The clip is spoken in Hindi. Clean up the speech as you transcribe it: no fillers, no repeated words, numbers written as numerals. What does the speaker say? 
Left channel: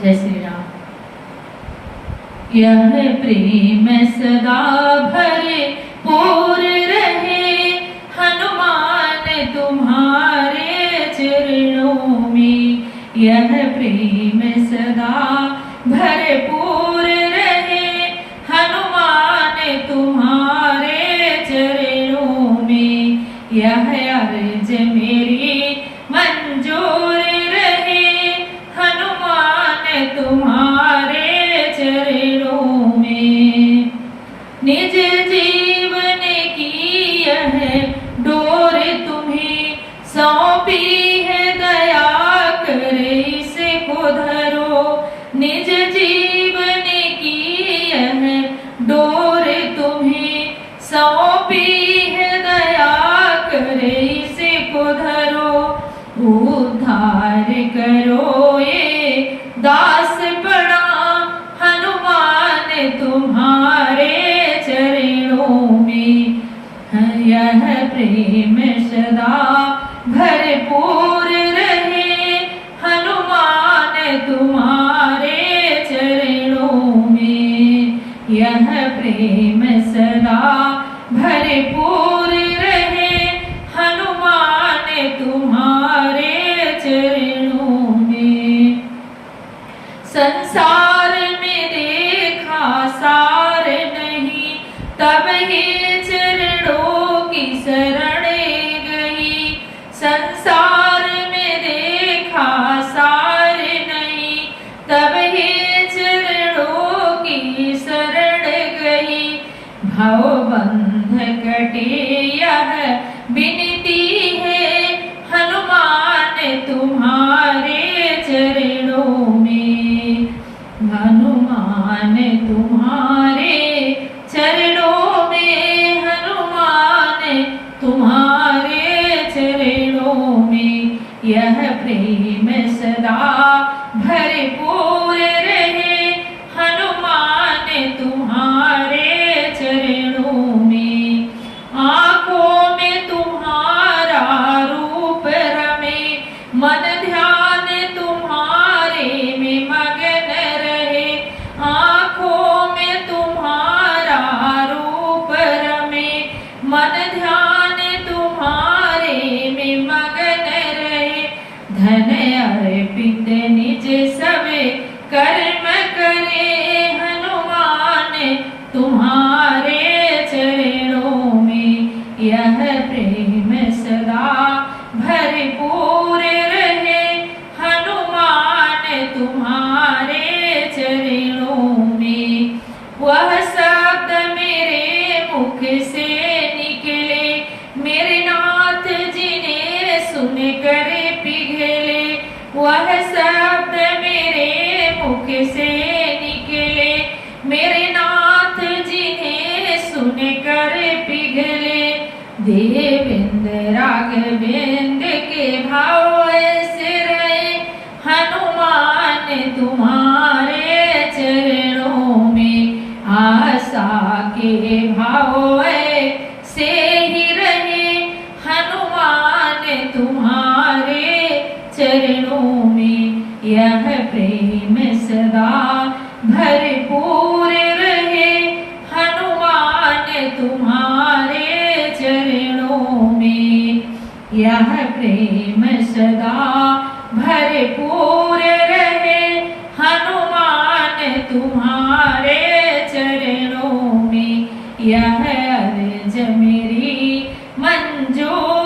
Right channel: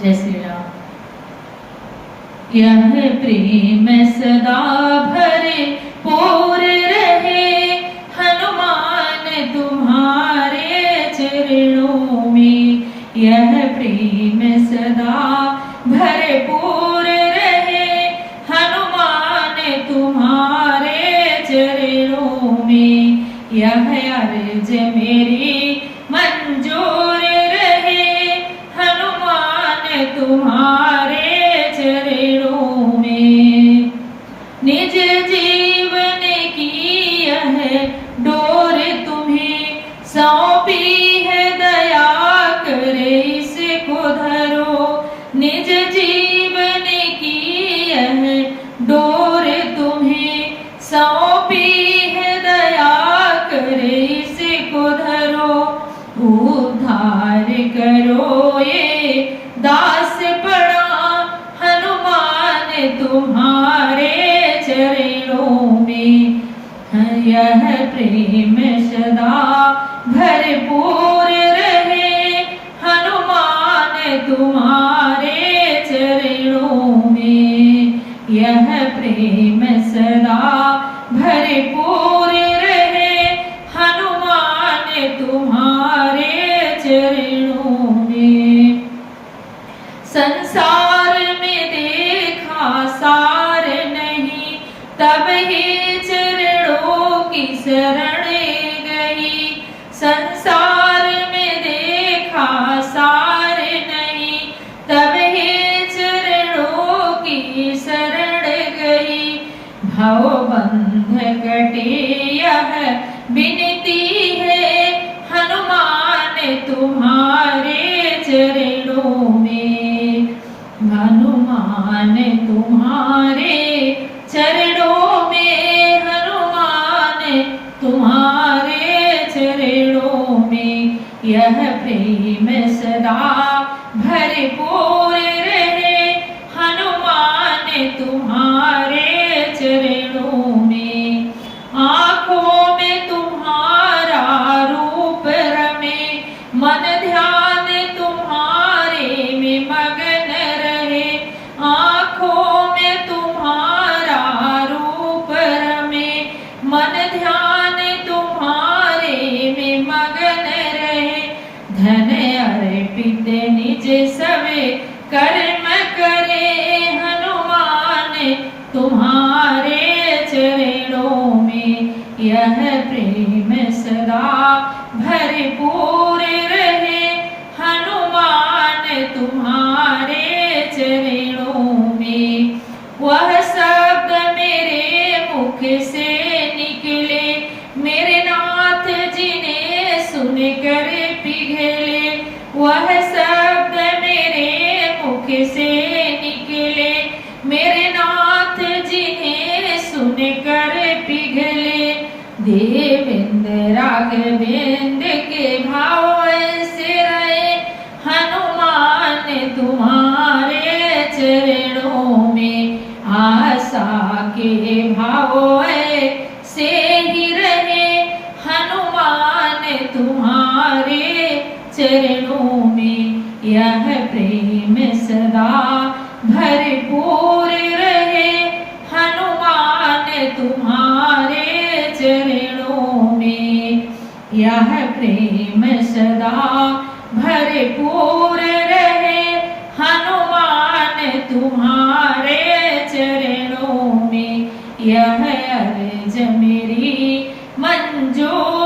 जय श्री राम। यह प्रेम सदा भरे पूर रहे, हनुमान तुम्हारे चरणों में। यह प्रेम सदा भरपूर रहे, हनुमान तुम्हारे चरणों में। यह अर्ज मेरी मंजूर रहे, हनुमान तुम्हारे चरणों में। निज जीवन की यह डोर तुम्हें सौंपी है, दया कर इसको धरो। निज जीवन की यह डोर तुम्हें सौंपी है, दया कर इसको धरो। उद्धार करो ये दास पड़ा, हनुमान तुम्हारे चरणों में। यह प्रेम सदा भरपूर रहे, हनुमान तुम्हारे चरणों में। यह प्रेम सदा भरपूर रहे, हनुमान तुम्हारे चरणों में। संसार में देखा सार नहीं, तब ही चरणों की शरण गई। संसार में देखा सार नहीं, तब ही चरणों की शरण गई। भवबंध कटे यह विनती है, हनुमान तुम्हारे चरणों में। हनुमान तुम्हारे चरणों में, हनुमान तुम्हारे चरणों में। यह प्रेम सदा भरपूर रहे, हनुमान तुम्हारे चरणों में। आँखों में तुम्हारा रूप रमे, मन ध्यान तुम्हारे में मगन रहे। आँखों में तुम्हारा रूप रमे, मन ध्यान तुम्हारे में मगन रहे। धन अर्पित निज सब कर्म करे, हनुमान तुम्हारे चरणों में। यह प्रेम सदा भरपूर रहे, हनुमान तुम्हारे चरणों में। वह शब्द मेरे मुख से निकले, मेरे नाथ जिन्हें सुन कर पिघले। वह शब्द मेरे मुख से निकले, मेरे नाथ जिन्हें सुन कर पिघले। देवेंद्र राघवेंद्र के भाव ऐसे रहे, हनुमान तुम्हारे चरणों में। आशा के भाव ऐसे ही रहे, हनुमान तुम्हारे चरणों में। यह प्रेम सदा भरपूर रहे, हनुमान तुम्हारे चरणों में। यह प्रेम सदा भरपूर रहे, हनुमान तुम्हारे चरणों में। यह अर्ज मेरी मंजूर